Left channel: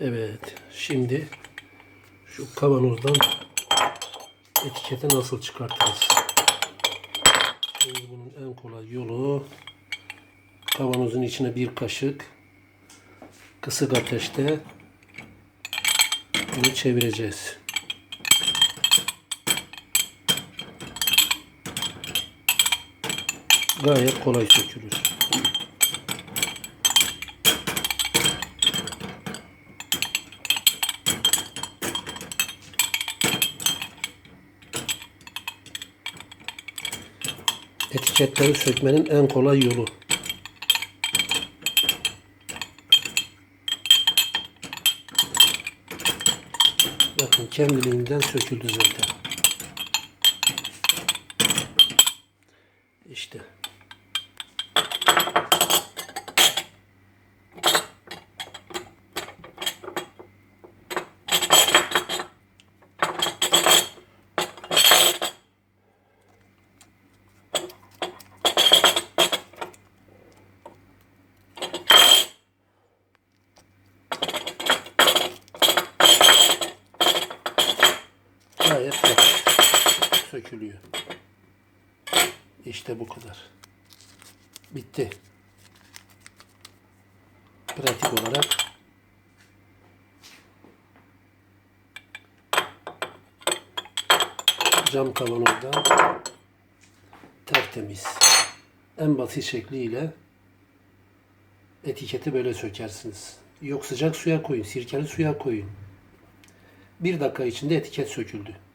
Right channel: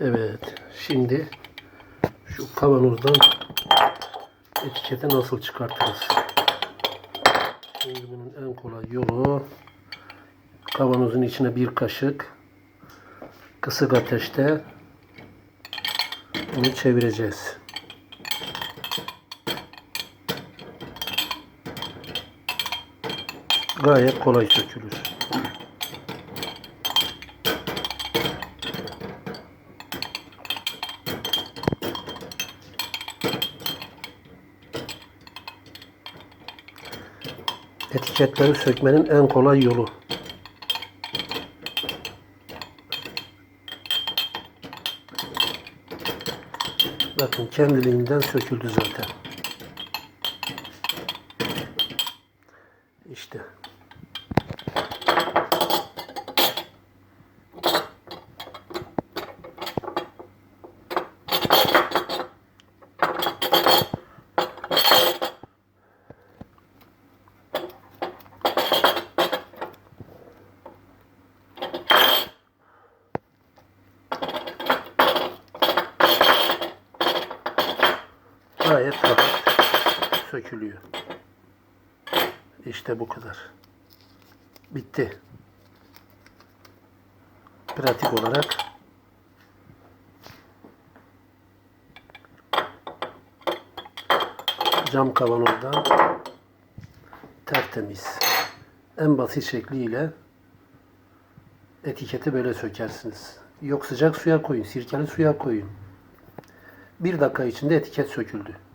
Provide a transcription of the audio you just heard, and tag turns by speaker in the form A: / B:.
A: Evet. Şimdi şu kavanozdan etiketi nasıl çıkartırız? Şimdi bunun en kolay yolu kavanozun içine bir kaşık kısık ateşte bunu çevireceğiz. Gayet kolay sökülür. Etiketleri sökmenin en kolay yolu. Bakın kendiliğinden söküldü zaten. İşte. Gayet rahat sökülüyor. İşte bu kadar. Bitti. Pratik olarak cam kavanozda tertemiz. En basit şekliyle etiketi böyle sökersiniz. Yok sıcak suya koyun, sirkeli suya koyun. Bir dakika içinde etiket söküldü.